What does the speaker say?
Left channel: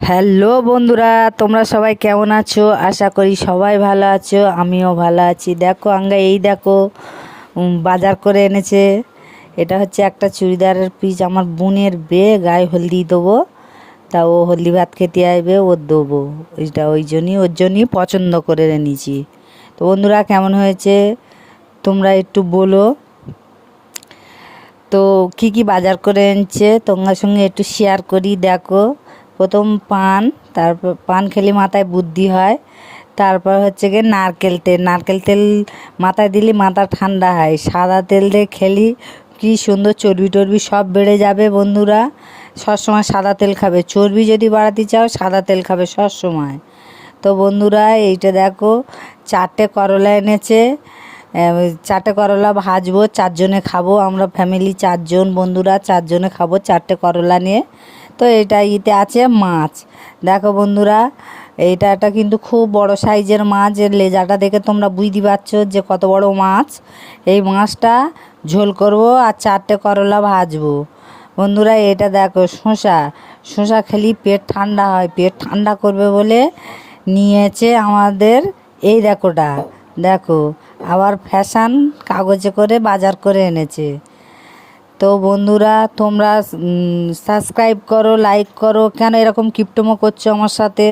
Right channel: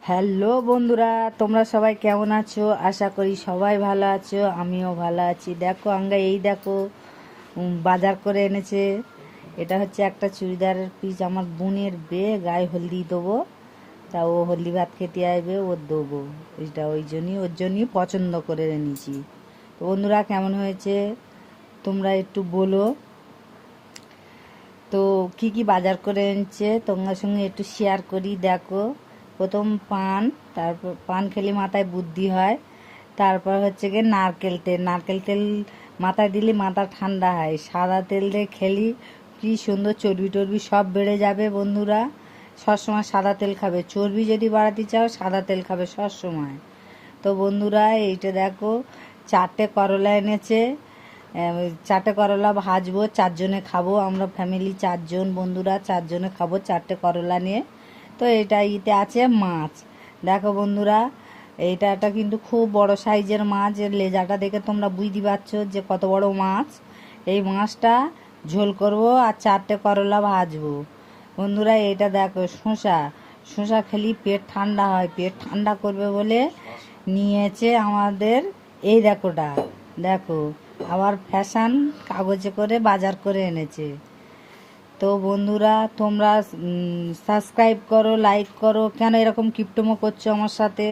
Hello বন্ধুরা, তোমরা সবাই কেমন আছো? আশা করি সবাই ভালো আছো, আমিও ভালো আছি। দেখো এই দেখো বাজার করে এনেছে। এটা হচ্ছে একটা চুড়িদারের পিস, আমার বোনের বিয়ে, গায়ে হলদি দেবো। তা ও হলদি ভাত খেতে আসবে, ওর দেবো। এটা ওর জন্যই পছন্দ করে এনেছি। তো বন্ধুরা, কেমন হয়েছে তোমরা একটু বলো তো। কি কি বাজার করে এনেছে তোমার সঙ্গে একটু শেয়ার করি। দেখো, প্রথম পান, তারপর পান খেলে মাথায় বুদ্ধি হয়। তারপর হচ্ছে গিয়ে নারকেল তেল মাথায় দিলে মাথা ঠান্ডা হয়। সাদা তেল দিয়ে খেলি কি সুন্দর, চর্বি টর্বি সব বেড়ে যাবে বন্ধুরা। সবসময় সাদা তেল খাবে, চর্বি যদি বাড়াতে চাও সাদা তেল খাবে সবসময়। তো বন্ধুরা, এইটা দেখো, 4টে করলা এনেছে। চারটে করলা ভাজবো, চারজনে খাবো, আমরা ফ্যামিলি চারজন বন্ধুরা, চারজনে খাবো 4টে করলা নিয়ে। তো এটা আছে মাছ। দেখো বন্ধুরা, এটা কিন্তু খুব বড় সাইজের মাছ, এর লেজাটা দেখে তোমরা বুঝতে পারছো যে কত বড় মাছ। এই মাছটা ঝোল করব আর 4টে করলা ভাজবো বন্ধুরা। এটা দেখো শসা খেলে পেট ঠান্ডা হয়, পেট ঠান্ডা করবে বলে নিয়েছে আমাদের। এই দেখো, আবার ফ্যাশন কাগজে করে বাজার করে এনেছে। তো বন্ধুরা, তোমরা সাবস্ক্রাইব করো, লাইক করো। কেন এরকম কিপটমো করছো আমার সাথে?